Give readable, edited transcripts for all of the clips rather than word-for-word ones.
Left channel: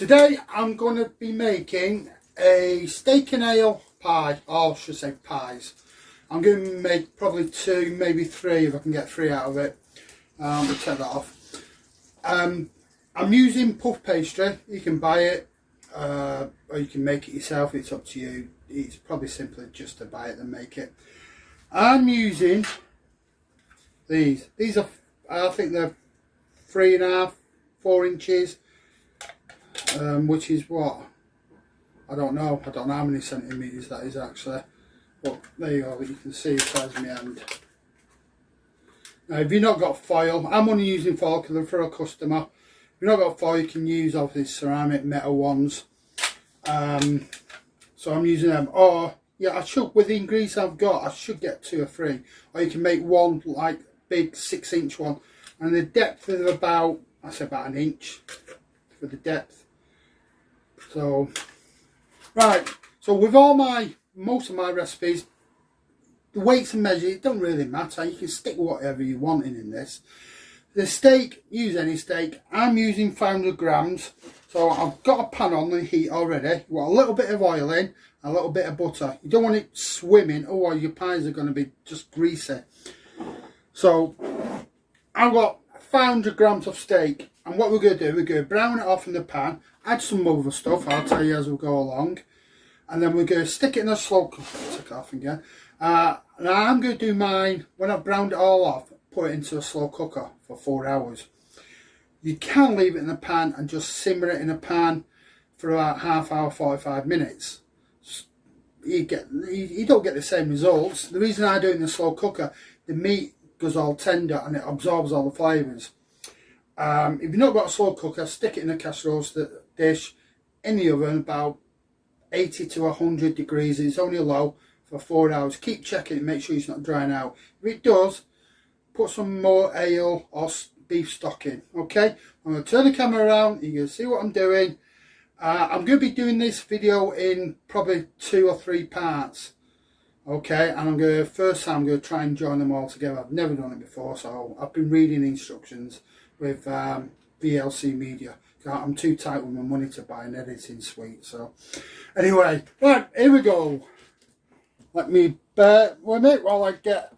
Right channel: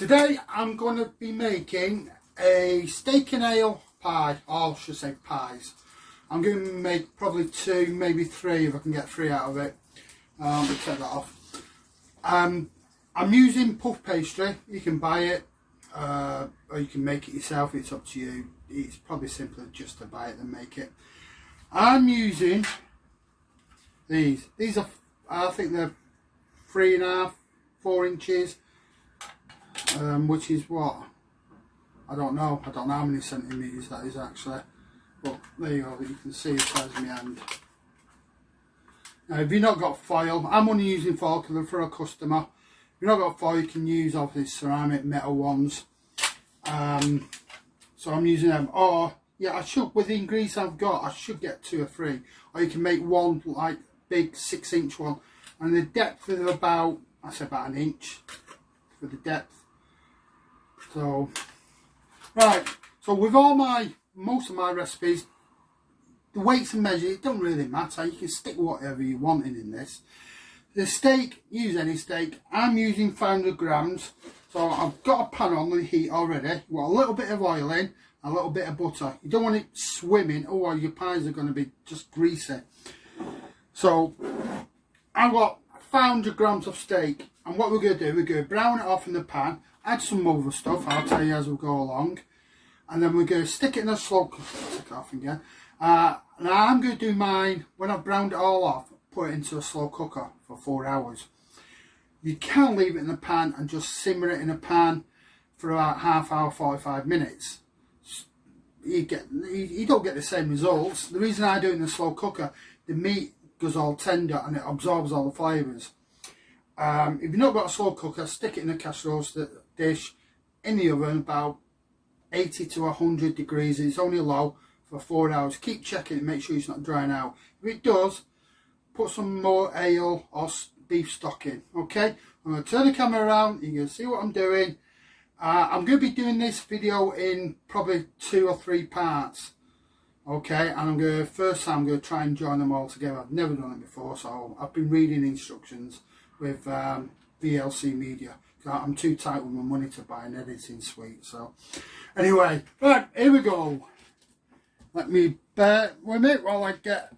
Today I'm going to be making a steak and ale pie, or I should say pies. I'm going to make probably 2, maybe 3 if I can get 3 out of it. We'll take that off. I'm using puff pastry. You can buy it or you can make it yourself, it's up to you. It's probably simpler just to buy it than make it. I'm using these are, I think they're 3.5, 4 inches, which is what, I don't know how many centimetres that is actually, but there you go, you can see the size of my hand. Now if you've not got foil, I'm only using foil because they're for a customer. If you've not got foil, you can use obviously ceramic metal ones, so I'm using them. Or yeah, I should, with the ingredients I've got, I should get 2 or 3, or you can make one like big 6-inch one, and the depth is about, I say about 1 inch for the depth. So right, so with most of my recipes, the weights and measures, it don't really matter. You can stick whatever you want in this. The steak, use any steak. I'm using 500 grams. So I've got a pan on the heat already. You want a little bit of oil in, a little bit of butter. You don't want it swimming, or your pies are going to be just greasy. So I've got 500 grams of steak, and what we're going to do, we're going to brown it off in the pan, add some other stuff, I'll tell you as we go along, and then we're going to stick it in a slow cooker. Take it off again. Now I'm going to do mine, when I've browned it all off, put it into a slow cooker for 4 hours. You can leave it in the pan and just simmer it in a pan for about half hour, 45 minutes. You don't get the same results. The reason I do it in a slow cooker, the meat goes all tender and it absorbs all the flavours. If you've not got a slow cooker, stick it in a casserole dish in the oven about 80 to 100 degrees. It's only low for 4 hours. Keep checking it, make sure it's not drying out. If it does, put some more ale or beef stock in. Okay, I'm going to turn the camera around, you can see what I'm doing. I'm going to be doing this video in probably 2 or 3 parts. Okay, and I'm going to try and join them all together. I've never done it before, so I've been reading instructions with VLC Media. I'm too tight with my money to buy an editing suite. So anyway, right, here we go. Let me bear with it while I get,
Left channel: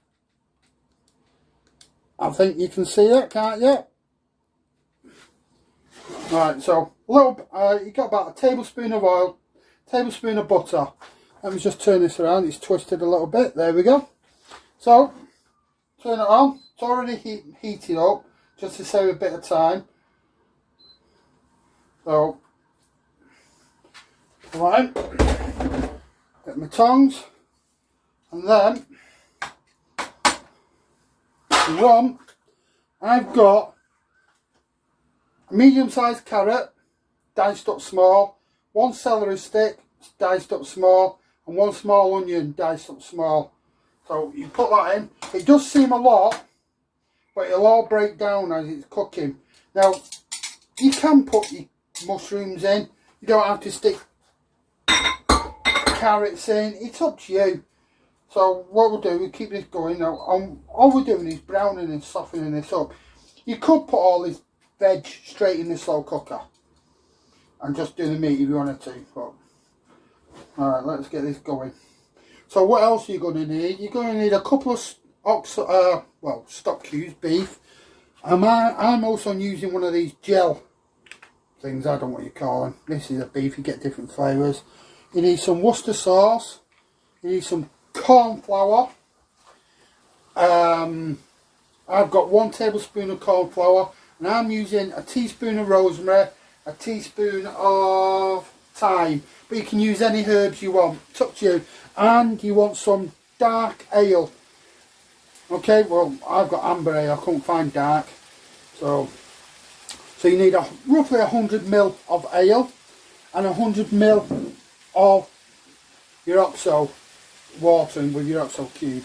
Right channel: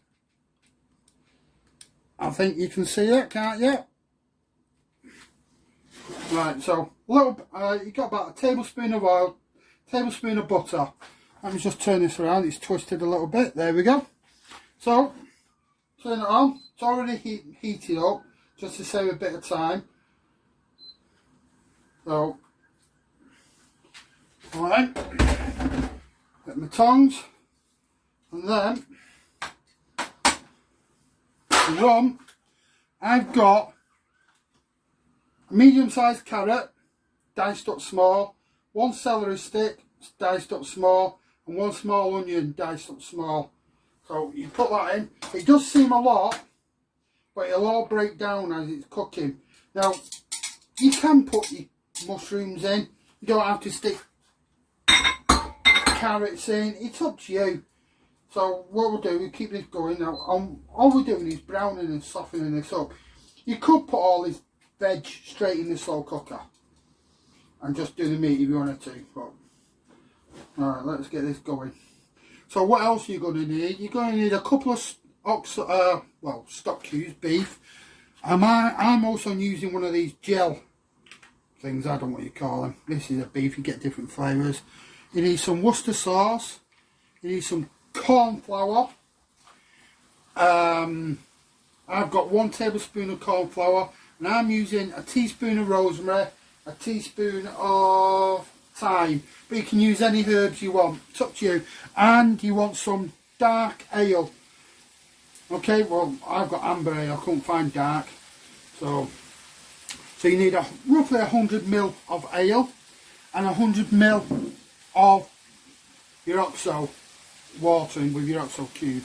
I think you can see that, can't you? Right, so you got about a tablespoon of oil, tablespoon of butter. Let me just turn this around, it's twisted a little bit, there we go. So, turn it on, it's already heated up, just to save a bit of time. So, right, get my tongs, and then, to run, I've got a medium-sized carrot, diced up small, 1 celery stick, diced up small, and 1 small onion, diced up small. So you put that in. It does seem a lot, but it'll all break down as it's cooking. Now, you can put your mushrooms in. You don't have to stick carrots in. It's up to you. So what we'll do, we keep this going now. All we're doing is browning and softening this up. You could put all this veg straight in the slow cooker and just do the meat if you wanted to. But alright, let's get this going. So what else are you going to need? You're going to need a couple of stock cubes, beef. I'm also using one of these gel things, I don't know what you call them. This is a beef, you get different flavours. You need some Worcester sauce. You need some corn flour. I've got 1 tablespoon of corn flour, and I'm using a teaspoon of rosemary, a teaspoon of thyme, but you can use any herbs you want, it's up to you. And you want some dark ale. Okay, well I've got amber ale, I couldn't find dark, so you need roughly 100 ml of ale and 100 ml of your OXO water in with your OXO cube.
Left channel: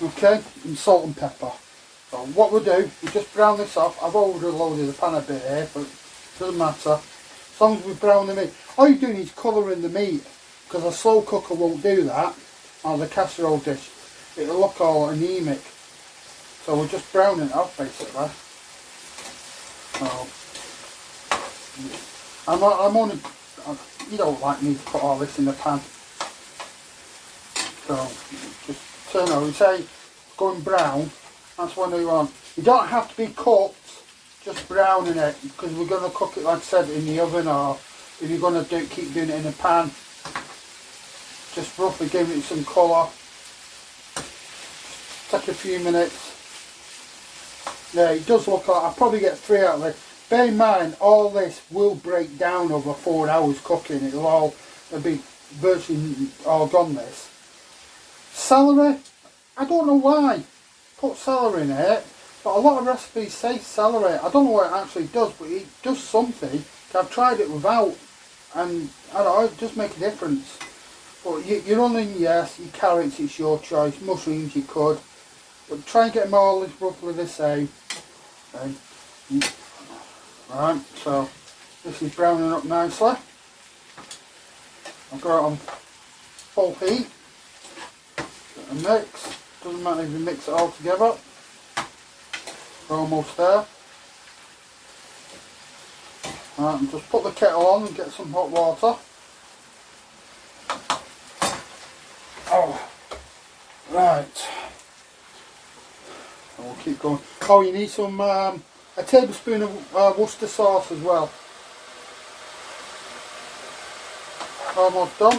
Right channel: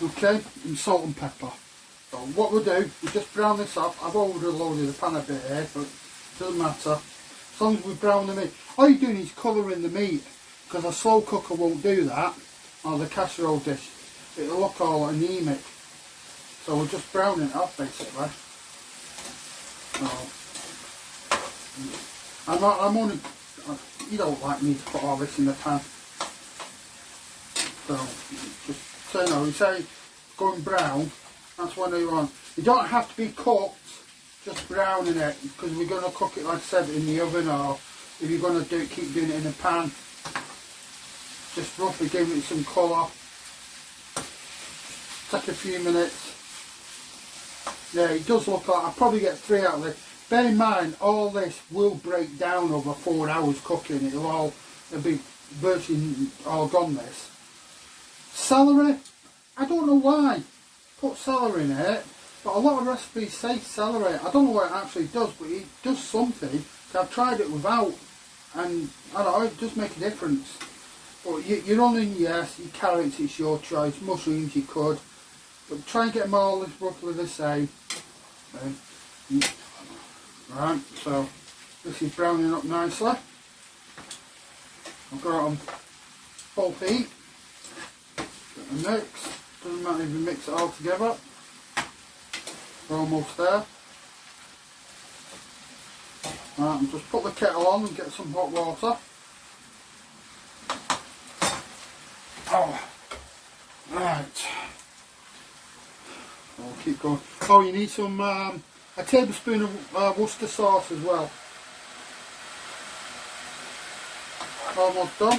Okay, and salt and pepper. So what we'll do, we just brown this off. I've overloaded the pan a bit here, but it doesn't matter. As long as we brown the meat. All you're doing is colouring the meat, because a slow cooker won't do that, or the casserole dish. It'll look all anemic. So we're just browning it off basically. So I'm only, you don't like me to put all this in the pan. So just turn over, say going brown, that's what you want. You don't have to be cooked, just browning it, because we're going to cook it, like I said, in the oven, or if you're going to keep doing it in a pan, just roughly give it some colour. Take a few minutes. Yeah, it does look like, I'll probably get 3 out of this. Bear in mind, all this will break down over 4 hours cooking. It'll be virtually all gone, this. Celery, I don't know why. Put celery in it, but a lot of recipes say celery. I don't know what it actually does, but it does something. I've tried it without, and I don't know, it does make a difference. But your onion, yes, your carrots, it's your choice. Mushrooms, you could. But try and get them all roughly the same. Okay. Right, so this is browning up nicely. I've got it on full heat. Get a mix. Doesn't matter if you mix it all together. We're almost there. Right, and just put the kettle on and get some hot water. Oh, right. I'll keep going. Oh, you need some a tablespoon of Worcester sauce as well. Almost done.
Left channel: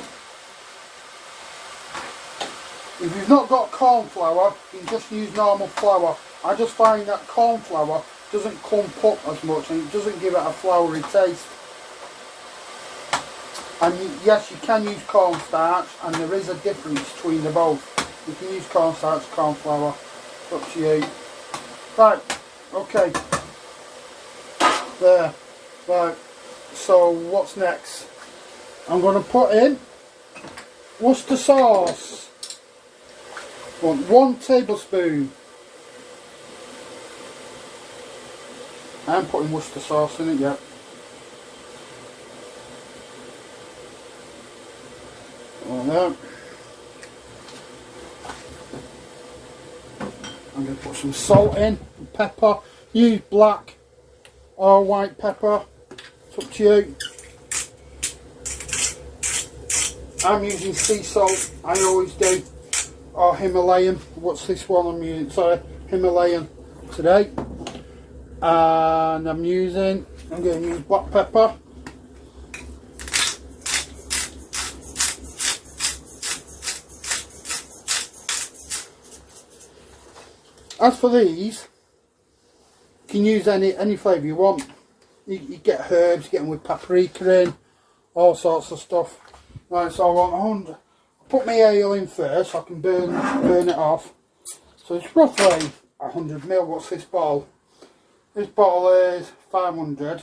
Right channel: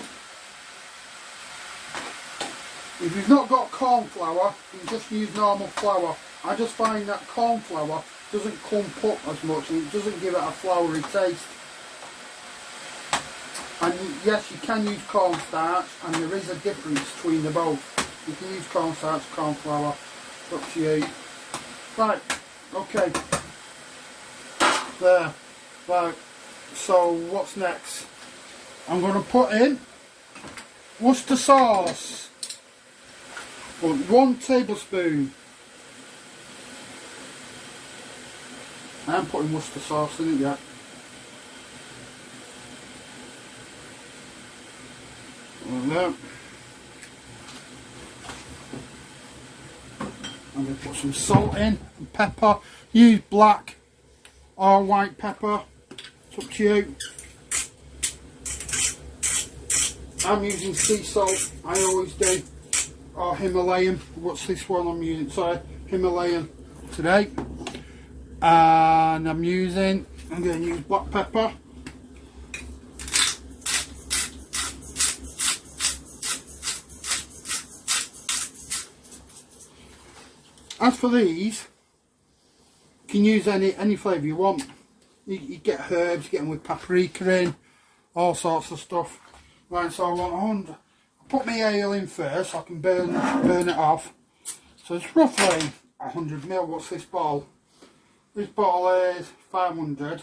If you've not got corn flour, you can just use normal flour. I just find that corn flour doesn't clump up as much and it doesn't give it a floury taste. And yes, you can use cornstarch, and there is a difference between the both. You can use cornstarch, corn flour, it's up to you. Right, okay. There. Right, so what's next? I'm going to put in Worcester sauce. Want 1 tablespoon. I haven't putting Worcester sauce in it yet. Like that. I'm going to put some salt in, and pepper. Use black or white pepper. It's up to you. I'm using sea salt, I always do. Or Himalayan. What's this one I'm using? Sorry, Himalayan today. And I'm going to use black pepper. As for these, you can use any flavour you want. You get herbs, you get them with paprika in, all sorts of stuff. Right, so I want 100. Put my ale in first so I can burn it off. So it's roughly 100ml. What's this bottle? This bottle is 500.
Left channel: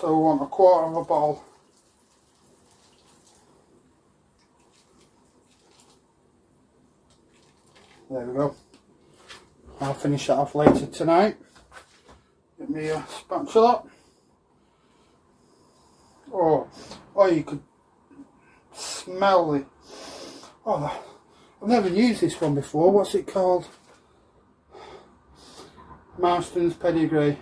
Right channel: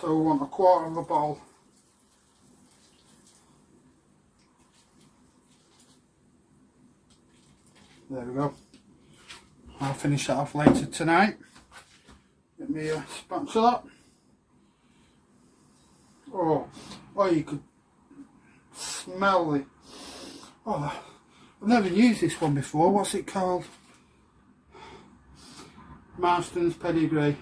So we want 1/4 of a bottle. There we go. I'll finish that off later tonight. Get me a spatula. Oh, you could smell it. Oh, I've never used this one before. What's it called? Marston's Pedigree.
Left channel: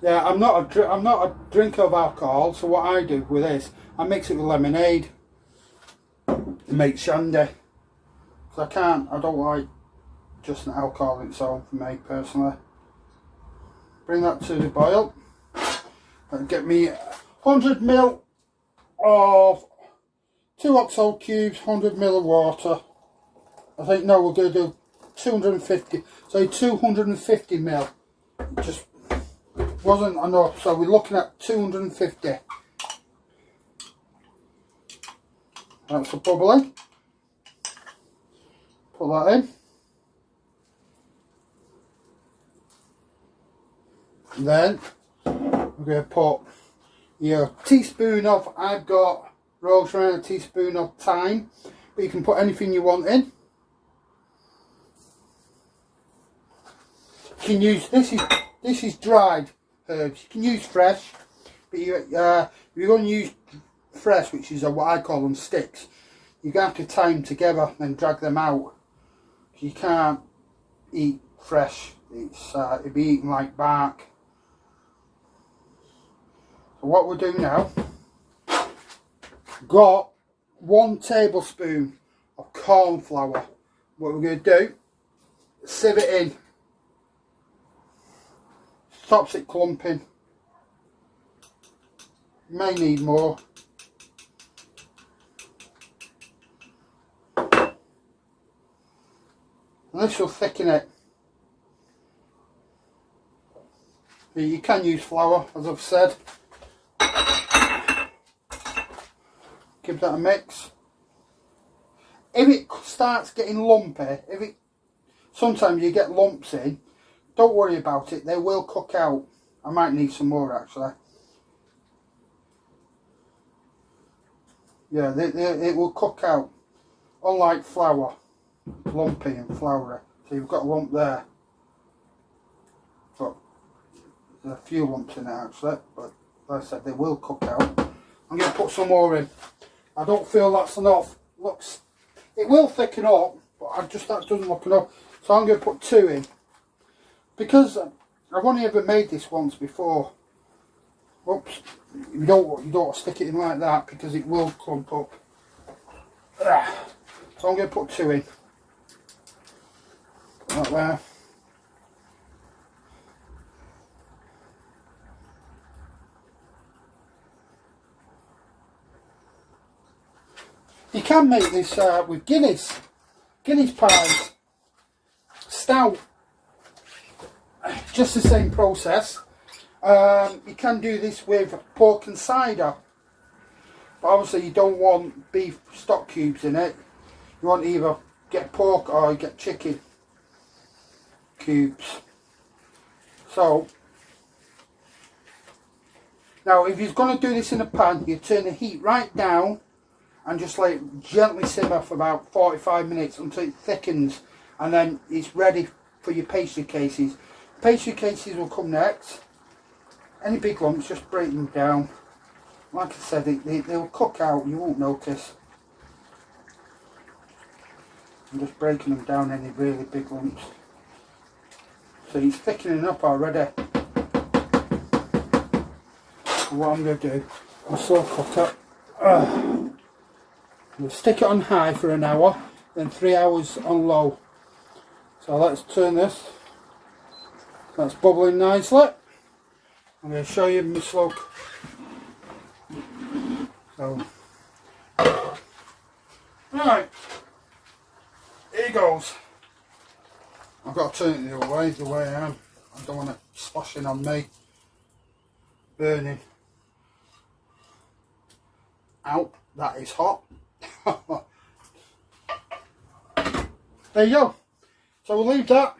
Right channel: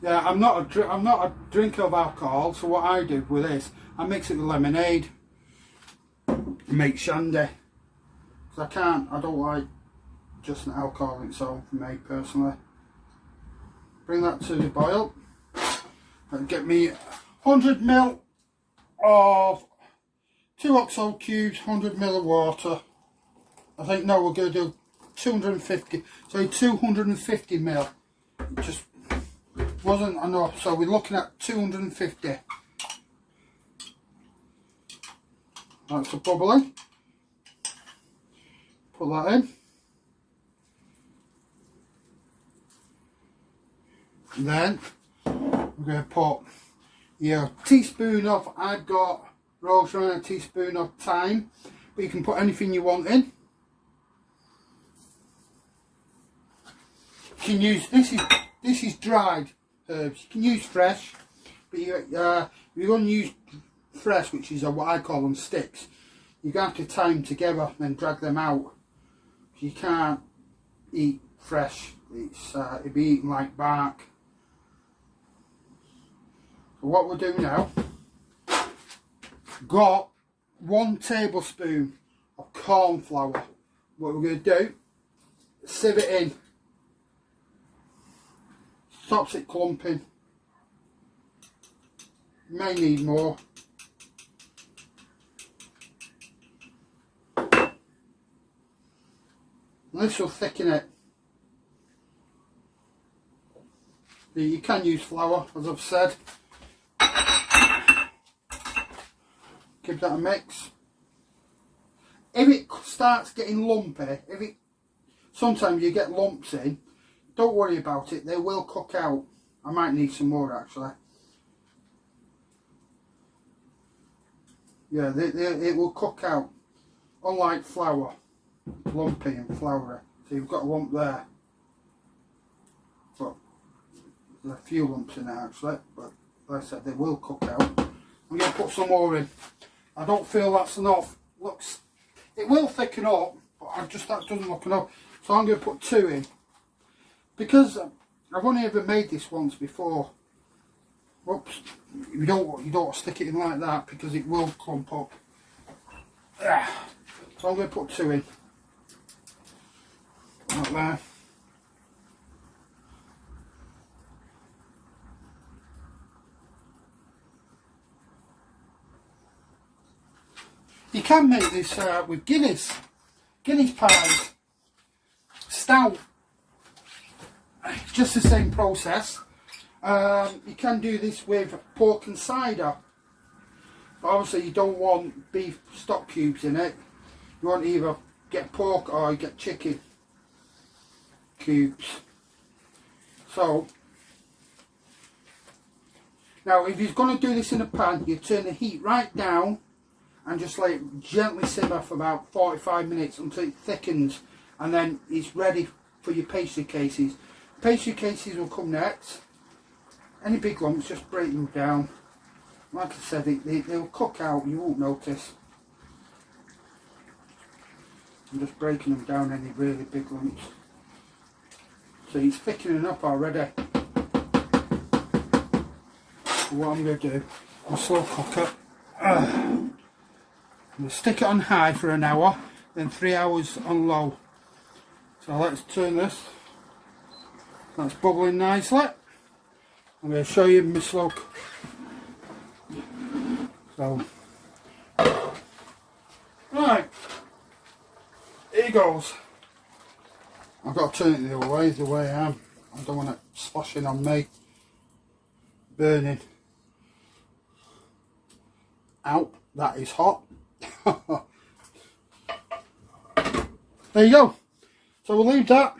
Yeah, I'm not a drinker of alcohol, so what I do with this, I mix it with lemonade and make shandy. So I don't like just an alcohol in its own for me personally. Bring that to the boil and get me 100ml of 2 oxo cubes, 100ml of water. I think no, we're going to do 250. So 250ml. Just wasn't enough. So we're looking at 250. That's the bubbling. Put that in. And then we're going to put your teaspoon of, I've got rosemary, a teaspoon of thyme, but you can put anything you want in. You can use, this is dried herbs. You can use fresh, but if you're going to use fresh, which is what I call them sticks, you're going to have to tie them together and drag them out. You can't eat fresh. It'd be eaten like bark. So what we'll do now, got 1 tablespoon of corn flour. What we're going to do, sieve it in, stops it clumping. You may need more. And this will thicken it. You can use flour, as I've said. Give that a mix. If it starts getting lumpy, sometimes you get lumps in, don't worry about it, they will cook out. I might need some more actually. Yeah, it will cook out. Unlike flour, lumpy and floury. So you've got a lump there. But there's a few lumps in it actually, but like I said, they will cook out. I'm going to put some more in. I don't feel that's enough. Looks, it will thicken up, but that doesn't look enough. So I'm going to put 2 in. Because I've only ever made this once before. Oops, you don't want to stick it in like that because it will clump up. So I'm going to put 2 in. Right there. You can make this with Guinness pies, stout, just the same process. You can do this with pork and cider. But obviously you don't want beef stock cubes in it. You want to either get pork or you get chicken cubes. So now if you're going to do this in a pan, you turn the heat right down and just let it gently simmer for about 45 minutes until it thickens, and then it's ready for your pastry cases. Pastry cases will come next. Any big lumps, just break them down. Like I said, they'll cook out, you won't notice. I'm just breaking them down, any really big lumps. So it's thickening up already. What I'm going to do, I'll slow cook it. We'll stick it on high for an hour, then 3 hours on low. So let's turn this. That's bubbling nicely. I'm going to show you my slow. So, right, here goes. I've got to turn it the other way, the way I am. I don't want it sloshing on me, burning. Ow, that is hot. There you go. So we'll leave that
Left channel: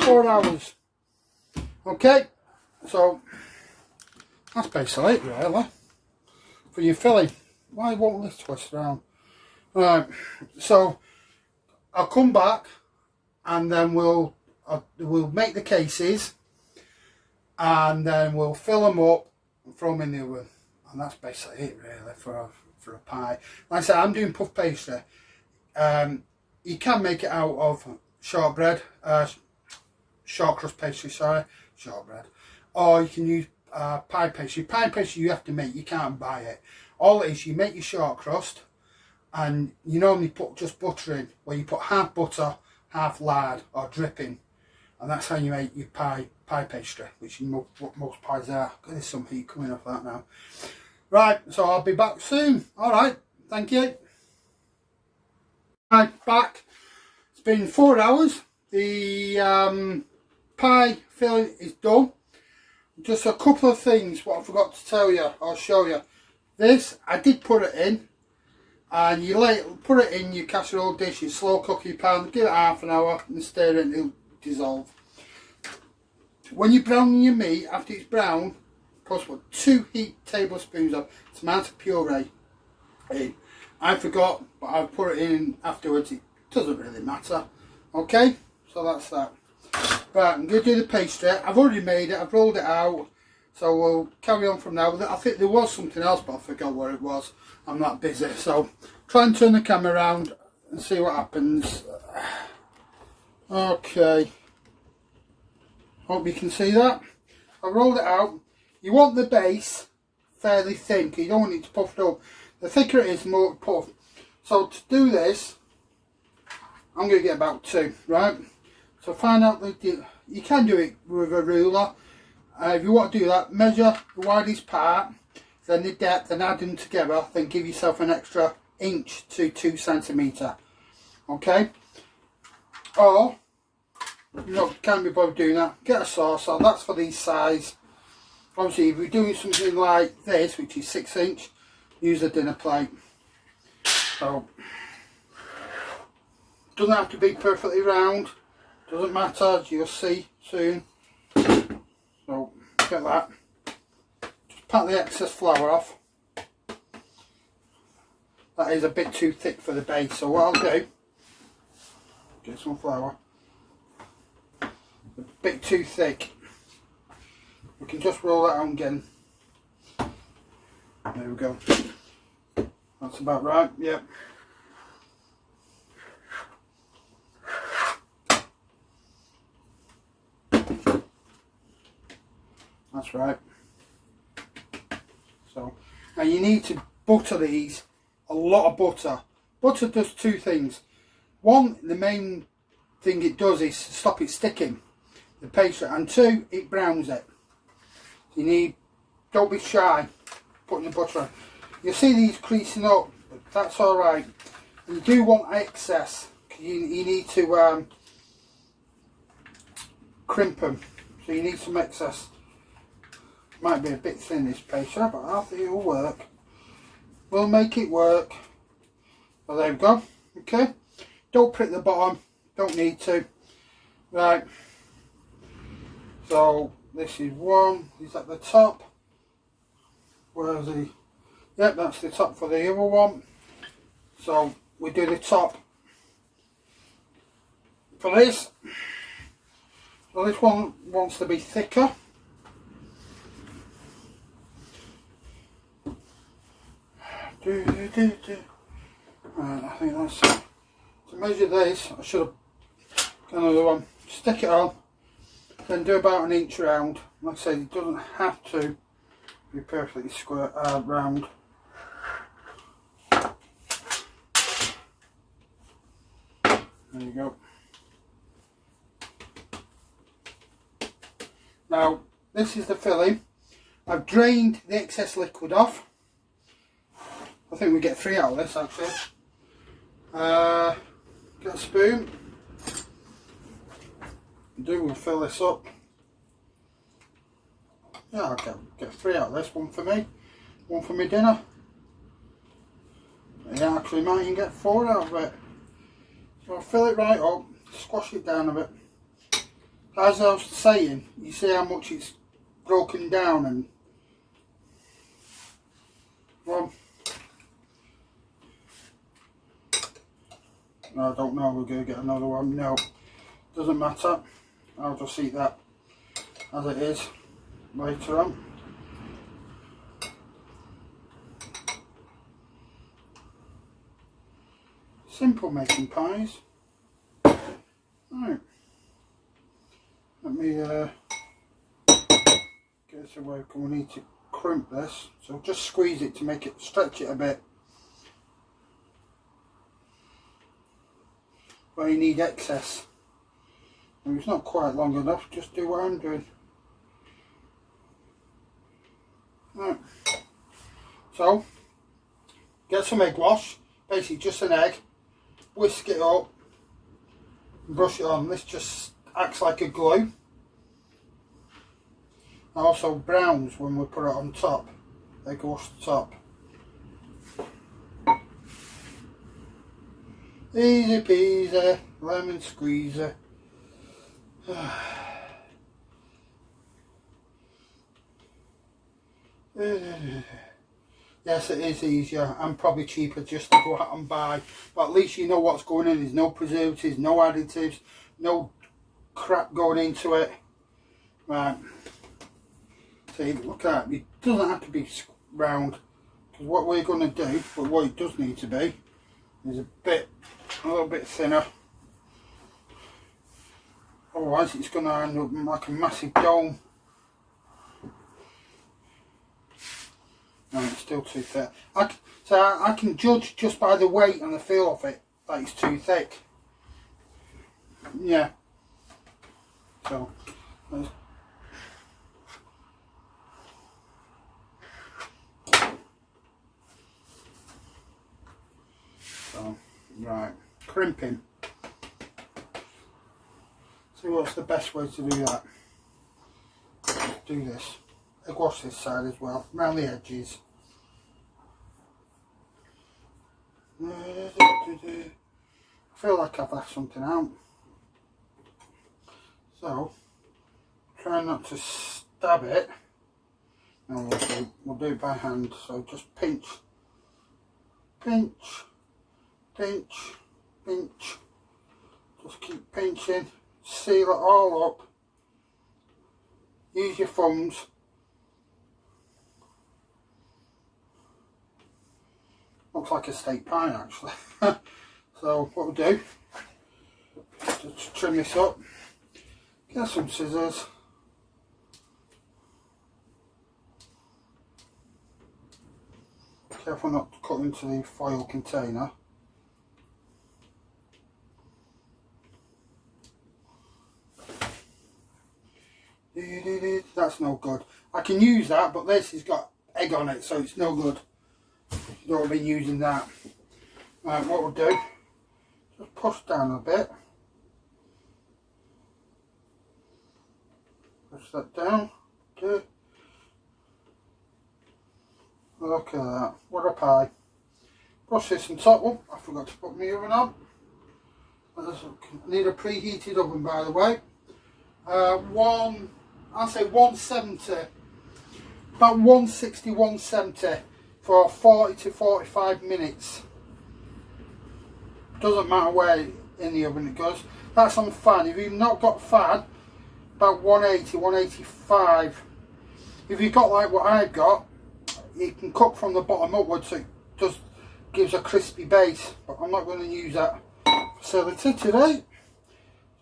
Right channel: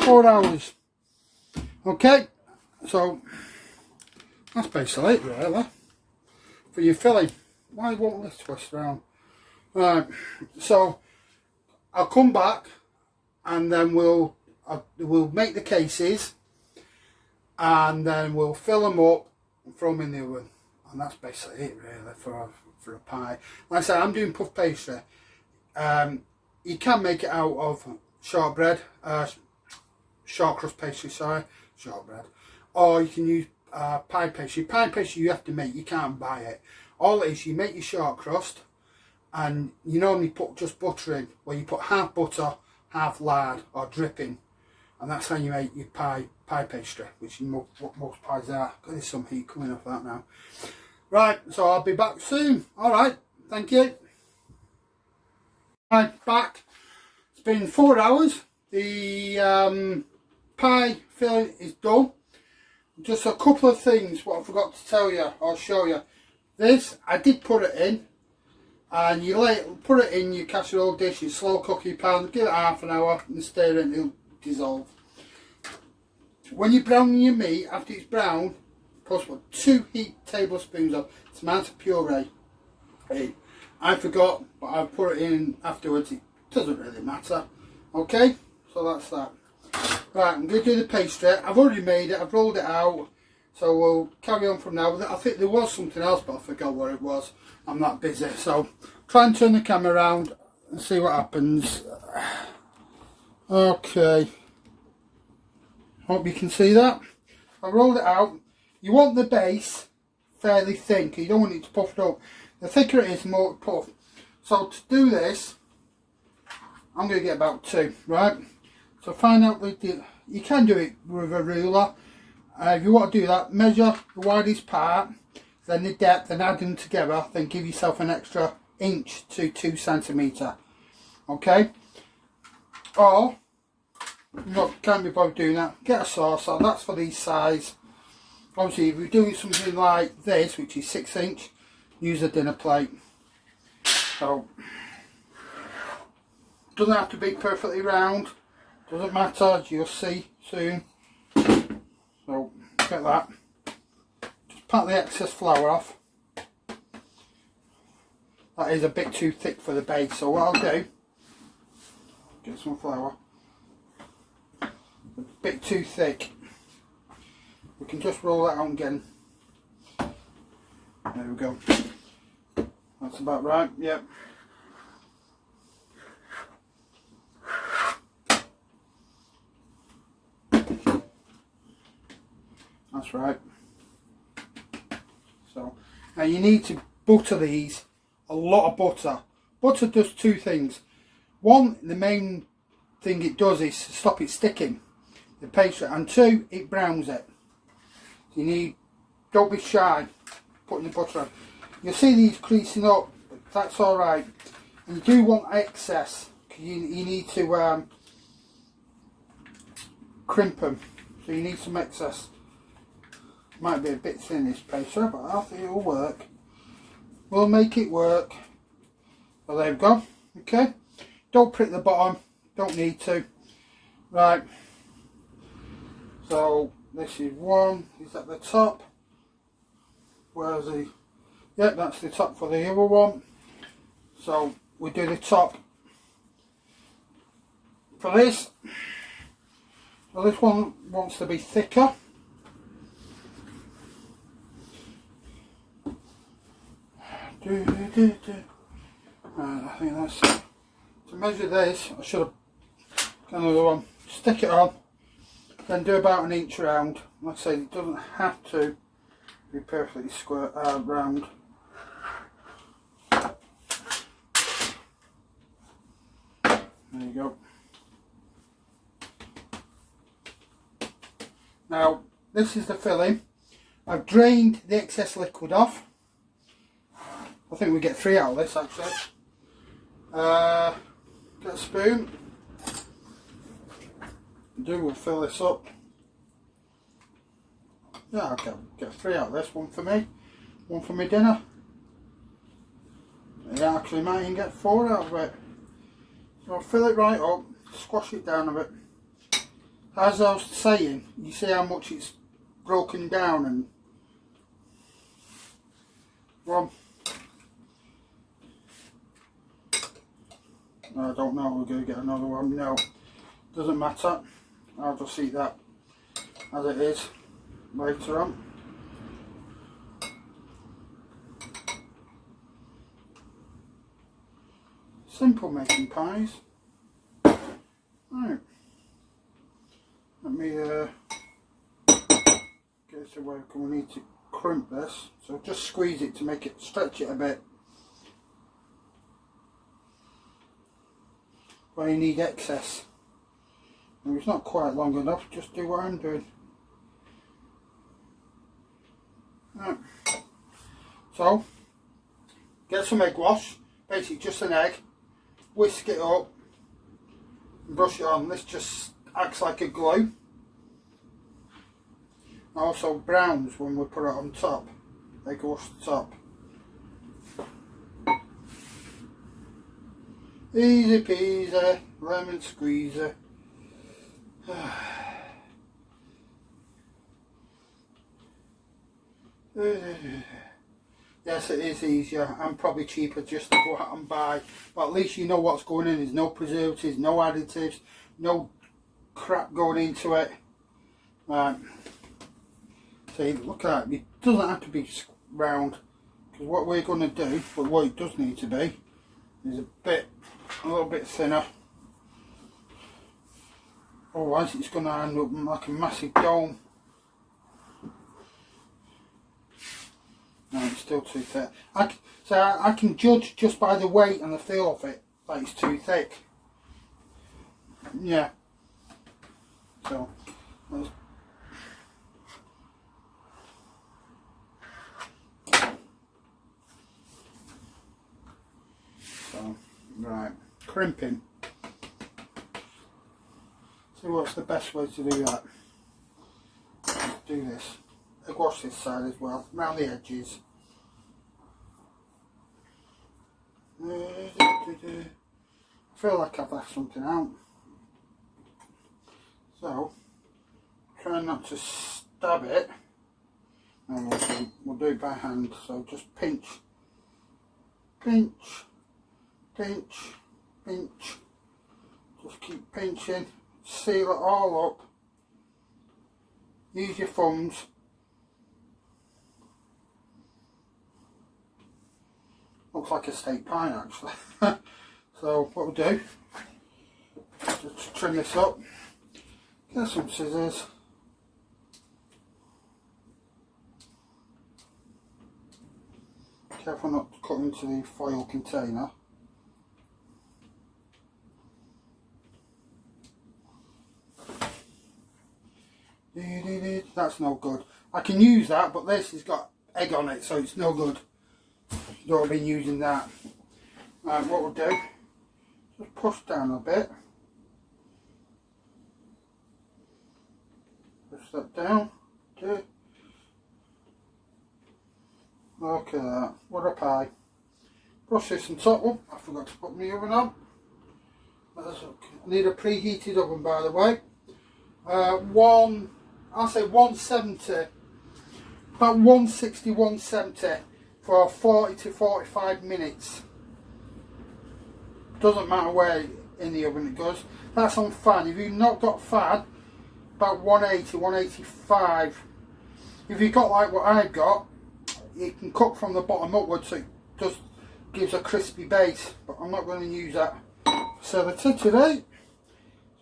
4 hours. Okay, so that's basically it really for your filling. Why won't this twist around? Right, so I'll come back and then we'll make the cases and then we'll fill them up and throw them in the oven, and that's basically it really for a pie. Like I said, I'm doing puff pastry. You can make it out of shortbread, short crust pastry, sorry, shortbread, or you can use pie pastry. Pie pastry you have to make, you can't buy it. All it is, you make your short crust and you normally put just butter in, where you put half butter, half lard or dripping, and that's how you make your pie pastry, which is what most pies are. There's some heat coming off that now. Right, so I'll be back soon. Alright, thank you. Right, back. It's been 4 hours. The pie filling is done. Just a couple of things what I forgot to tell you or show you. This, I did put it in. And you put it in your casserole dish, you slow cook your pan, give it half an hour and stir it and it'll dissolve. When you're browning your meat, after it's brown, put 2 heat tablespoons of tomato puree in. I forgot, but I put it in afterwards. It doesn't really matter. Okay, so that's that. Right, I'm going to do the pastry. I've already made it, I've rolled it out. So we'll carry on from now. I think there was something else, but I forgot what it was. I'm that busy. So try and turn the camera around and see what happens. Okay. Hope you can see that. I rolled it out. You want the base fairly thin, because you don't want it to puff up. The thicker it is, the more it puff. So to do this, I'm going to get about 2, right? So find out, you can do it with a ruler. If you want to do that, measure the widest part, then the depth, and add them together, then give yourself an extra inch to 2 centimetre. Okay? Or, can't be bothered doing that, get a saucer, that's for these size. Obviously, if you're doing something like this, which is 6 inch, use a dinner plate. So, doesn't have to be perfectly round, doesn't matter, as you'll see soon. So, get that. Just pat the excess flour off. That is a bit too thick for the base, so what I'll do, get some flour. A bit too thick. We can just roll that out again. There we go. That's about right, yep. That's right. So, now you need to butter these, a lot of butter. Butter does 2 things. One, the main thing it does is stop it sticking, the pastry, and 2, it browns it. You need, don't be shy putting the butter on. You'll see these creasing up, that's alright. You do want excess, because you need to crimp them, so you need some excess. Might be a bit thin, this pastry, but I think it'll work. We'll make it work. So there we go. Okay. Don't prick the bottom. Don't need to. Right. So this is one. Is at the top. Where's the? Yep, that's the top for the other one. So we do the top for this. So this one wants to be thicker. Right, I think that's it. To measure this, I should have got another one. Stick it on, then do about 1 inch round. Like I said, it doesn't have to be perfectly square round. There you go. Now, this is the filling. I've drained the excess liquid off. I think we get 3 out of this actually. Get a spoon. We'll fill this up. Yeah, I'll get 3 out of this. 1 for me, 1 for my dinner. Yeah, actually might even get 4 out of it. So I'll fill it right up, squash it down a bit. As I was saying, you see how much it's broken down, and well, I don't know, we're going to get another one. No, doesn't matter. I'll just eat that as it is later on. Simple making pies. Right. Let me get it to work, and we need to crimp this. So just squeeze it to make it, stretch it a bit. But you need excess. And it's not quite long enough, just do what I'm doing. Right. So, get some egg wash, basically just an egg, whisk it up, and brush it on. This just acts like a glue. Also browns when we put it on top. Egg wash the top. Easy peasy, lemon squeezer. Yes, it is easier and probably cheaper just to go out and buy, but at least you know what's going in. There's no preservatives, no additives, no crap going into it. Right, see, look at it. It doesn't have to be round, because what we're going to do, but what it does need to be, is a little bit thinner. Otherwise it's going to end up like a massive dome. still too thick. I can judge just by the weight and the feel of it that it's too thick. Yeah. So right, crimping. So what's the best way to do that? Do this. I wash this side as well, around the edges. I feel like I've left something out. So try not to stab it. And we'll do it by hand. So just pinch, pinch, pinch, pinch. Just keep pinching. Seal it all up. Use your thumbs. Looks like a steak pie actually. So what we'll do, just trim this up. Get some scissors. Careful not to cut into the foil container. That's no good. I can use that, but this has got egg on it, so it's no good. Don't want to be using that. Right, what we'll do, just push down a bit. Push that down. Okay. Look at that. What a pie. Brush this on top. Oh, I forgot to put my oven on. I need a preheated oven, by the way. I'll say 170, about 160, 170 for 40 to 45 minutes. Doesn't matter where in the oven it goes. That's on fan. If you've not got fan, about 180, 185. If you've got like what I've got, it can cook from the bottom upwards, so it just gives a crispy base. But I'm not going to use that facility today.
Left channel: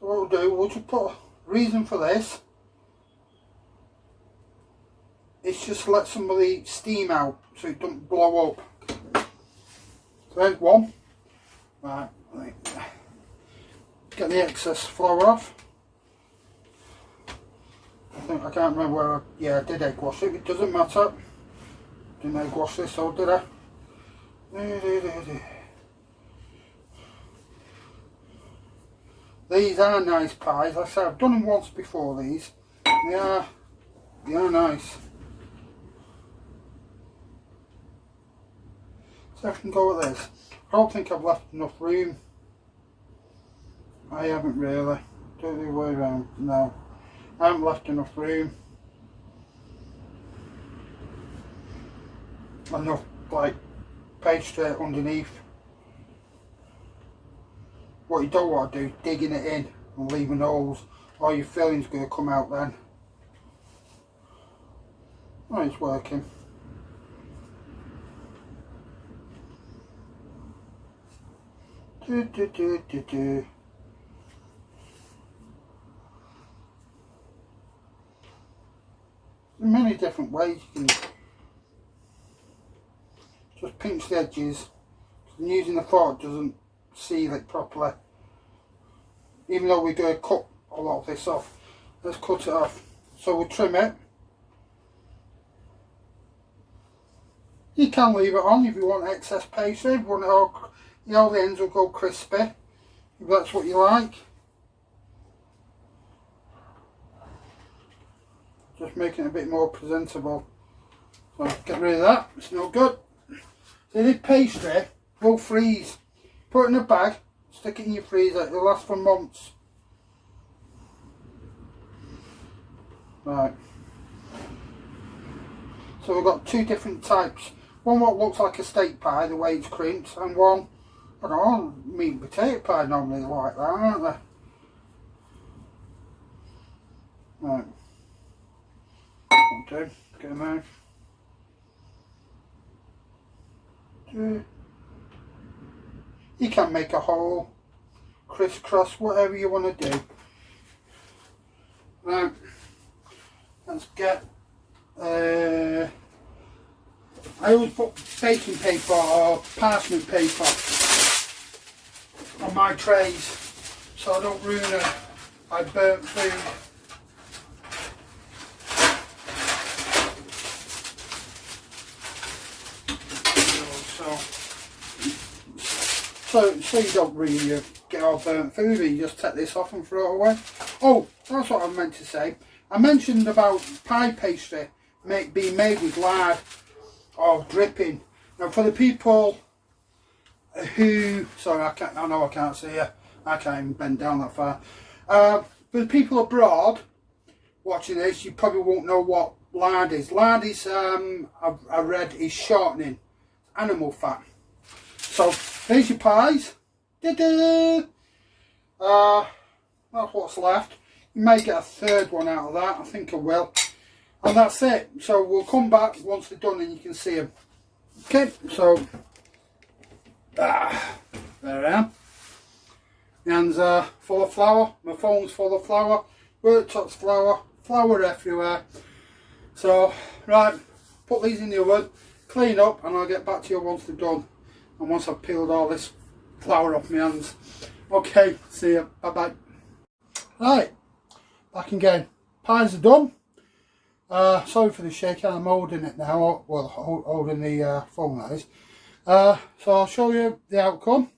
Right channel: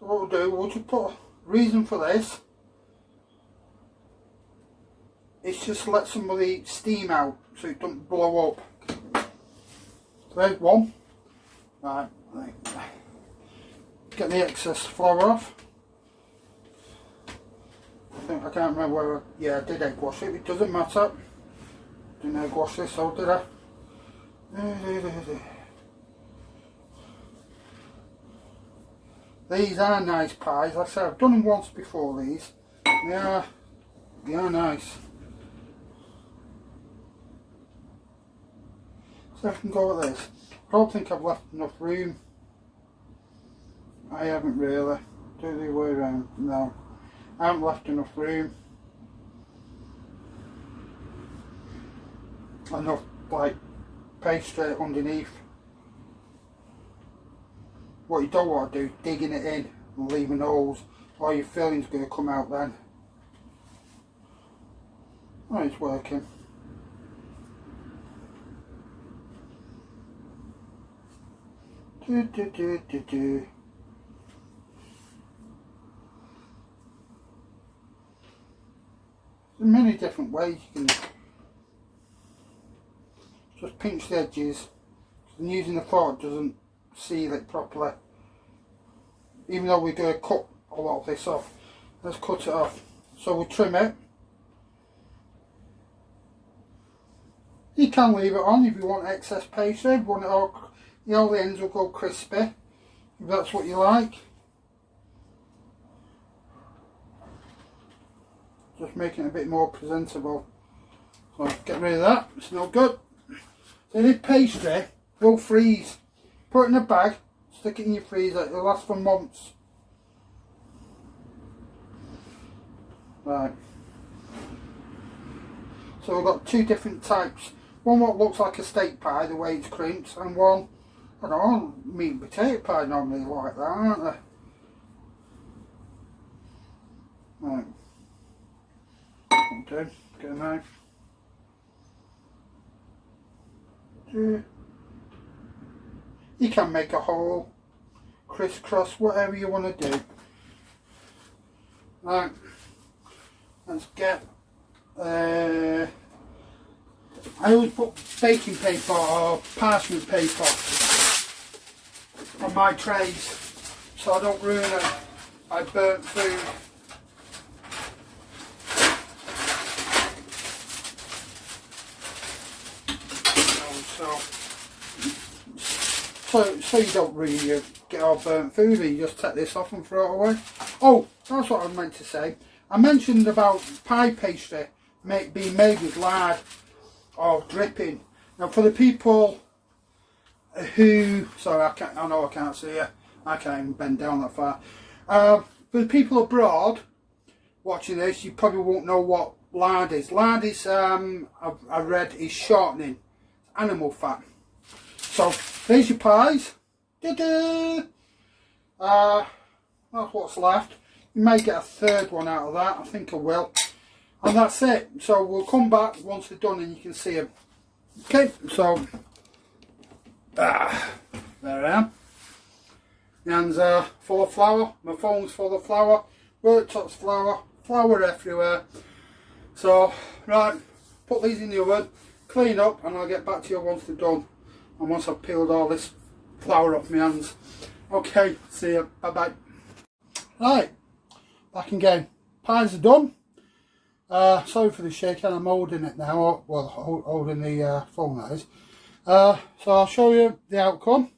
So what we'll do, we'll just put a reason for this. It's just to let some of the steam out so it doesn't blow up. Okay, one. Right, get the excess flour off. I can't remember where I did egg wash it. It doesn't matter. Didn't egg wash this, so did I? These are nice pies. Like I said, I've done them once before. These, they are nice. So I can go with this. I don't think I've left enough room. I haven't really. Do the way around. No, I haven't left enough room. Enough like pastry underneath. What you don't want to do is digging it in and leaving holes, or your filling's going to come out then. Oh, it's working. There's many different ways you can just pinch the edges, and using the fork doesn't seal it properly. Even though we're going to cut a lot of this off, let's cut it off. So we'll trim it. You can leave it on if you want excess pastry, if you want it all, you know, the ends will go crispy, if that's what you like. Just making it a bit more presentable. So get rid of that, it's no good. So this pastry will freeze. Put it in a bag, stick it in your freezer, it'll last for months. Right. So we've got two different types. One what looks like a steak pie, the way it's crimped, and one, I don't know, meat and potato pie normally like that, aren't they? Right. Okay, get them out. You can make a hole, crisscross, whatever you want to do. Right, let's get I always put baking paper or parchment paper on my trays so I don't ruin it by burnt food. So you don't really get all burnt food, you just take this off and throw it away. Oh, that's what I meant to say. I mentioned about pie pastry being made with lard or dripping. Now for the people who, sorry, I know I can't see you. I can't even bend down that far. For the people abroad watching this, you probably won't know what lard is. Lard is, I read, is shortening, animal fat. So there's your pies. Ta-da! That's what's left. You may get a third one out of that. I think I will. And that's it. So we'll come back once they're done and you can see them. Okay, so there I am. My hands are full of flour. My phone's full of flour. Worktop's flour. Flour everywhere. So, right, put these in the oven, clean up, and I'll get back to you once they're done. And once I've peeled all this flour off my hands. Okay, see you. Bye bye. Right, back again. Pies are done. Sorry for the shaking, I'm holding it now. Well, holding the phone, that is. So I'll show you the outcome.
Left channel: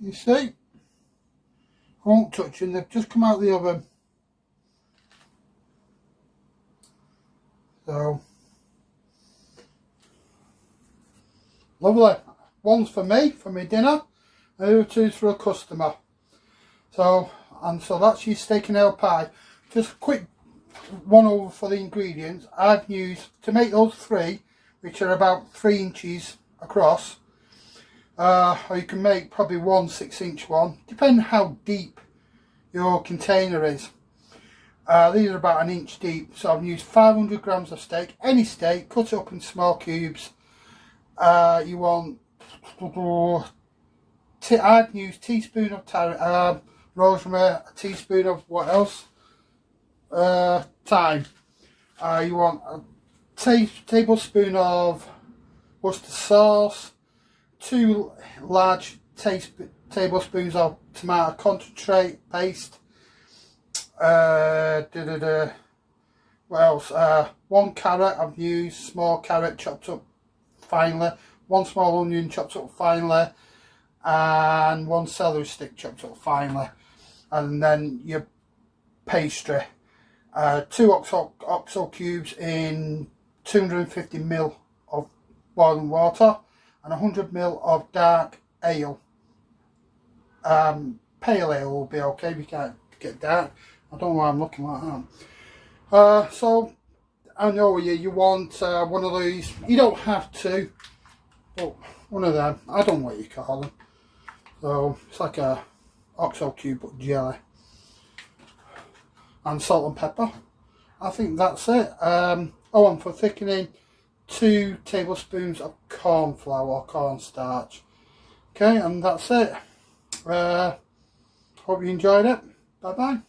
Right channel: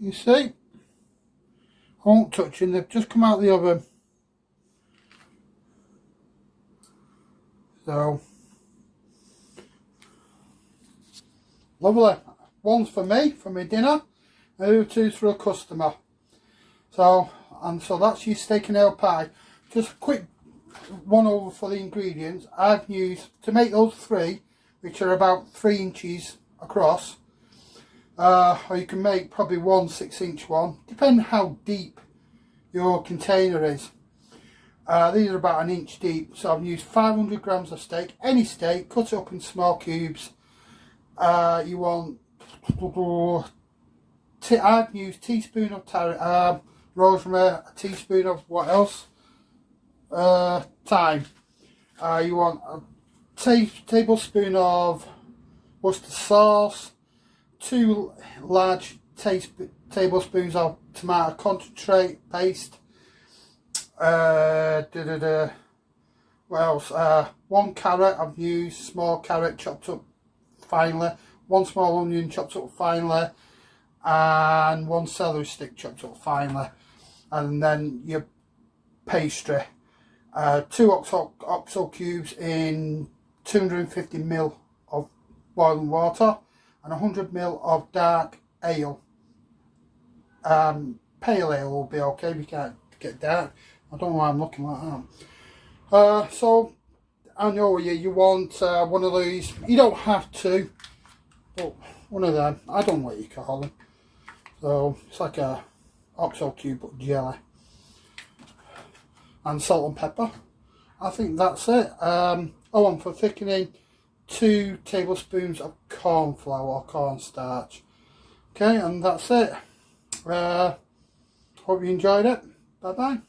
You see? I won't touch them, they've just come out of the oven. So, lovely. One's for me, for my dinner, and the other two's for a customer. So that's your steak and ale pie. Just a quick one over for the ingredients. I've used, to make those three, which are about 3 inches across, or you can make probably 1 6-inch one, depending how deep your container is. These are about 1 inch deep, so I've used 500 grams of steak, any steak, cut it up in small cubes. You want, I'd use teaspoon of rosemary, a teaspoon of what else? Thyme. You want a tablespoon of Worcester sauce, 2 large tablespoons of tomato concentrate paste. What else? 1 carrot I've used, small carrot chopped up finely, 1 small onion chopped up finely, and 1 celery stick chopped up finely. And then your pastry, 2 oxo cubes in 250 ml of boiling water, and 100 ml of dark ale. Pale ale will be okay if you can't get dark. I don't know why I'm looking like that. So I know you want one of these. You don't have to, but one of them. I don't know what you call them. So it's like a oxo cube but jelly. And salt and pepper. I think that's it. And for thickening, 2 tablespoons of corn flour or cornstarch. Okay, and that's it. Hope you enjoyed it. Bye bye.